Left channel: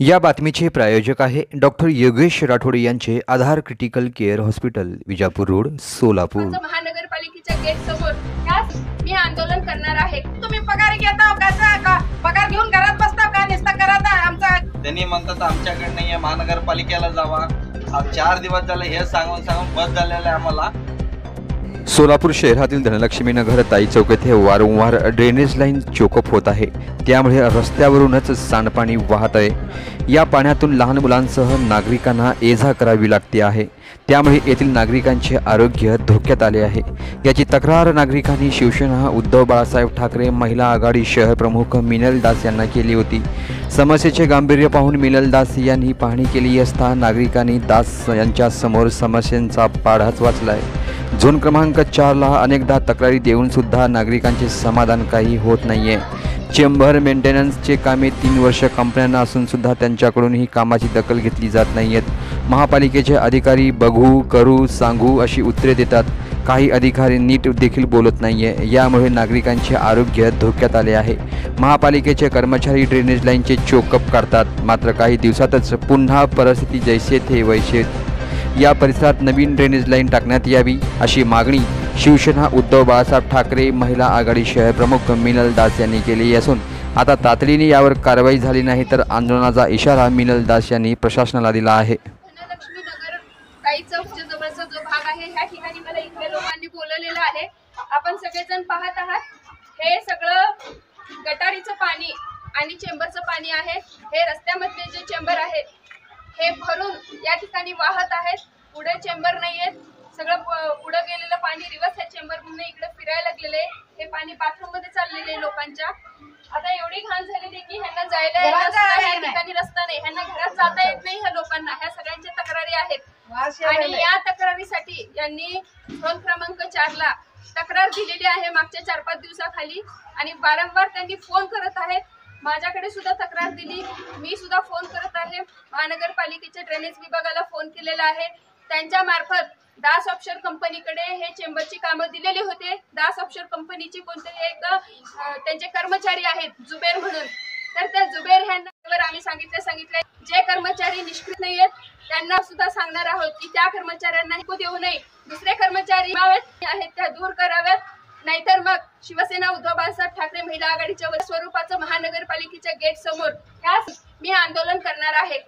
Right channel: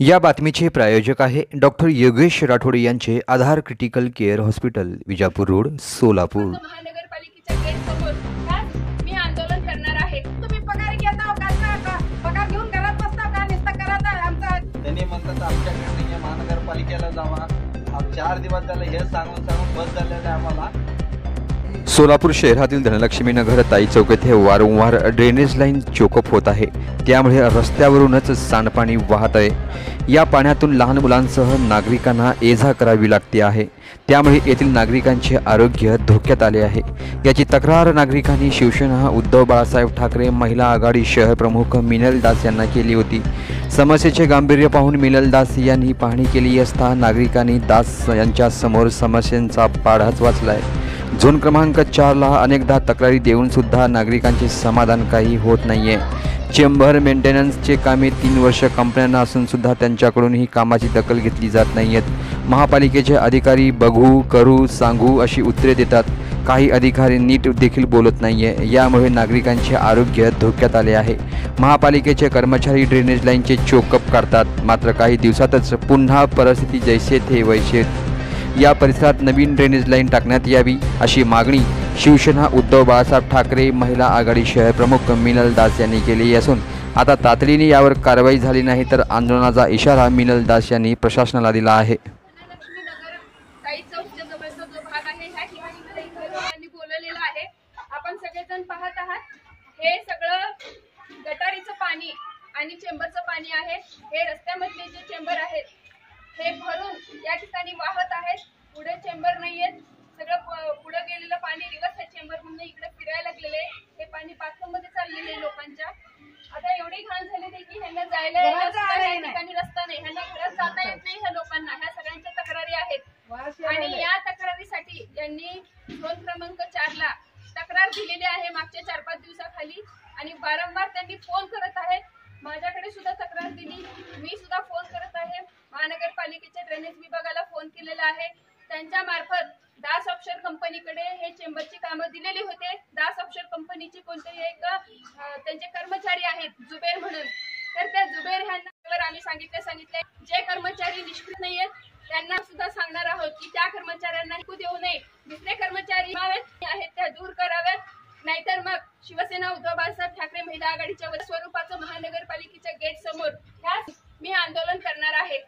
या बातमीचे प्रायोजक आहे डॉक्टर योगेश राठोड यांचे Aadhaar critical care hospital, Vijapur road, Solapur. महानगरपालिकेच्या गेट समोर मी आंदोलन करणार आहे। तुम्ही पगार घेता का? पगार घेऊन घरात बसता का? निस्ता करत आमचा त्यांनी म्हणतात आमच्याकडे नाहीये, महानगरपालिकेला जावा। 4 दिवस झाले हे सांगून बस झालेले आम्हाला। सोलापूर शहरातील धनलक्ष्मी नगर ताई चौक येथे वारंवार ड्रेनेज लाईन चोकअप होत आहे, त्यामुळे रस्त्यावरूनच सांडपाणी वाहत आहे। या पाण्यातून लहान मुलांसह नागरिकांना ये-जा करावी लागते आहे, त्यामुळे येथील नागरिकांचे आरोग्य धोक्यात आले आहे। याची तक्रार नागरिकांनी शिवसेना उद्धव बाळासाहेब ठाकरे महिला आघाडी शहर प्रमुख मिनल दास यांना केली होती। समस्येचे गांभीर्य पाहून मिनल दास यांनी पाहणी केली असता नागरिकांनी दास यांच्या समोर समस्यांचा पाढाच वाचलाय। झोन क्रमांक 4 ला अनेकदा तक्रारी देऊन सुद्धा नागरिकांचे समाधान काही होत नाहीये। चेंबर मेंटेनन्सचे कामे 3 वर्ष कंपन्यांना असून सुद्धा त्यांच्याकडून ही कामाची दखल घेतली जात नाहीयेत। महापालिकेचे अधिकारी बघू, करू, सांगू अशी उत्तरे देतात। काही अधिकारी नीट देखील बोलत नाहीये, यामुळे नागरिकांचे आरोग्य धोक्यात आले आहे। महापालिकेचे कर्मचारी ड्रेनेज लाईनचे चोकअप करतात, मात्र काही दिवसातच पुन्हा परिस्थिती जैसे थे वैसे। या परिसरात नवीन ड्रेनेज लाईन टाकण्यात यावी अशी मागणी शिवसेना उद्धव बाळासाहेब ठाकरे महिला आघाडी शहर प्रमुख मिनल दास यांनी केली असून आता तातडीने यावर कारवाई झाली नाही तर आंदोलनाचा इशारा मिनल दास यांनी प्रशासनाला दिला आहे। धनलक्ष्मी नगर ताई चौकच्या जवळचा जो भाग आहे ह्या ठिकाणी मला इकडे लोकांनी बोलवलेलं आहे। आपण सगळेजण पाहत आहात, हे सगळं गटारीचं पाणी आणि चेंबरचं पाणी आहे। हे रस्त्यामधले जे चेंबर आहेत हे भरून या ठिकाणी वाहत आहेत। पुढे चेंबर नाहीयेत, सगळं पुढे गेलेलं पाणी रिवर्स या चेंबर म्हणून इकडे फिरायला लागलेले। हे पाणी बाथरूम मध्ये चाललेले लोकांच्या। आता एवढी घाण झालेली की ह्यांना जायला या ठिकाणी रस्ता नाही, ह्यांना घरात जाता येत नाही। ह्या लोकांना ह्या सगळ्यांच्या तक्रारी आहेत आणि या तक्रारीसाठी यांनी झोन क्रमांक 4 ला तक्रार दिलेली आहे मागच्या 4-5 दिवसाखाली आणि वारंवार त्यांनी फोन करत आहेत। माझ्याकडे सुद्धा तक्रार दिली, मी सुद्धा फोन करत आहे। महानगरपालिकेच्या ड्रेनेज विभागाला फोन केलेला आहे। त्यांच्या मार्फत दास ऑफशोर कंपनीकडे हे चेंबरची कामं दिलेली होते। दास ऑफशोर कंपनीची कोणतरी एक त्यांचे कर्मचारी आहेत जुबेर म्हणून, तर त्या जुबेर ह्यांना आम्ही सांगितले जे कर्मचारी निष्क्रिय नाही आहेत त्यांना सुद्धा सांगणार आहोत की त्या कर्मचाऱ्यांना देऊ नये, दुसरे कर्मचारी आहेत त्या दूर कराव्यात, नाहीतर मग शिवसेना उद्धव बाळासाहेब ठाकरे महिला आघाडीच्या स्वरूपाचं महानगरपालिकेच्या गेट समोर मी आंदोलन करणार आहे।